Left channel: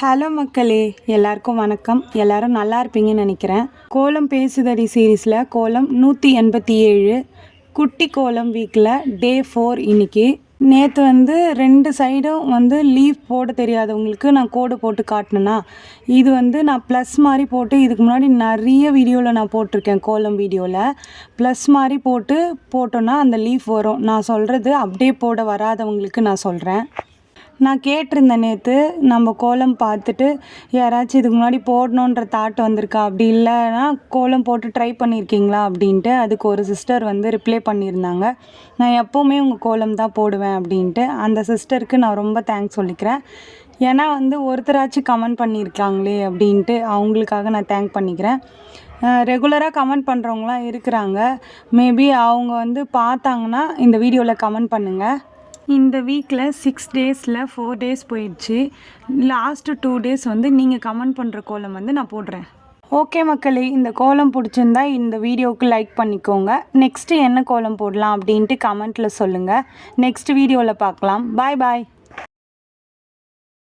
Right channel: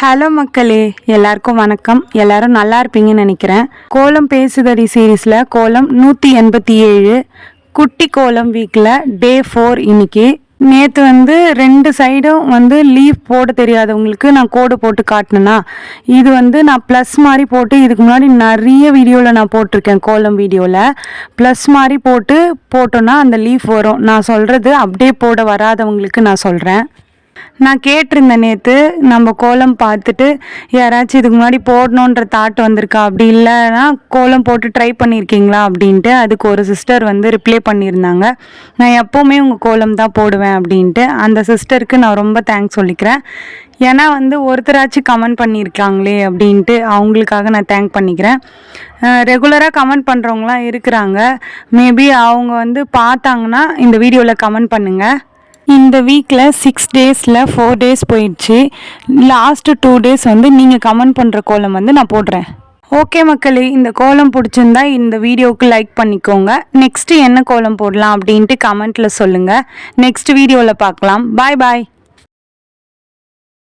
Hello மக்களே, எல்லாருக்கும் வணக்கம். எல்லாரும் நல்லா இருப்பீங்கன்னு நினைக்கிறேன். கோலம் பேசுதடி சீரீஸில் கோலம் 187 குட்டி கோலம் வீக்கில் டே 4 இன்னைக்கு. நேற்று 2 சைடும் லீஃப் போட தெரியாதவங்களுக்கு நான் கோடு போட்டு காட்டினேன்னா, இது நான் ப்ளஸ் மாதிரி போட்டு இதுக்கு முன்னாடி நிறைய வீடியோவில் நான் போட்டிருக்கேன். கோலம் வீடியோவில் ப்ளஸ் மாதிரி போட்டோன்னா அந்த லீஃப் வரும். நான் சொல்கிறது அப்படியே போட வராதவங்களுக்கு நான் சொல்கிறேன். நான் கேட்டிருந்தேன் நேற்று, நம்ம கோலம் பார்த்துட்டு யாராச்சும் இதுக்கு முன்னாடி போடணுன்ற தாட் வந்திருக்கா, அப்படி இல்லைன்னா கோலம் போட்டு ட்ரை பண்ணியிருக்கீங்களா அப்படின்ட்டு. அதுக்கு ஒரு சிஸ்டர் ரிப்ளை பண்ணியிருந்தாங்க, நான் எப்போவுமே உங்கள் கோலம் தான் போடுவேன் அப்படின்ட்டு. அந்த சிஸ்டருக்கு நான் ரொம்ப தேங்க்ஸ் சொல்லிக்கிறேன். ஏன்னா ஒருத்தராச்சும் கமெண்ட் பண்ணியிருக்காங்களே அப்படின்ட்டு அவங்களுக்காக நான் தேங்க் பண்ணிக்கிறேன். ரெகுலராக கமெண்ட் பண்ணுறவங்களாம் இருக்கிறாங்க. மேபி அவங்க பார்த்தாங்கன்னா இந்த வீடியோவில் கமெண்ட் பண்ணுங்கள். இந்த வீக்கில் 6 டேஸில் 4 டேஸ் போயிடுச்சு. லாஸ்ட்டு 2 டேஸ் நீங்கள் கமெண்ட் பண்ணுற கோலம் நான் போடுறேன். ஓகே மக்களே, இந்த கோலம் பிடிச்சிருந்தா இந்த வீடியோவுக்கு லைக் பண்ணிக்கோங்க. நெக்ஸ்ட்டு என்ன கோலம் போடலாம் அப்படின்ட்டு கமெண்ட்டில் சொல்லுங்கள். நெக்ஸ்ட் வீடியோவில் பார்க்கலாம். பாய் பாய்.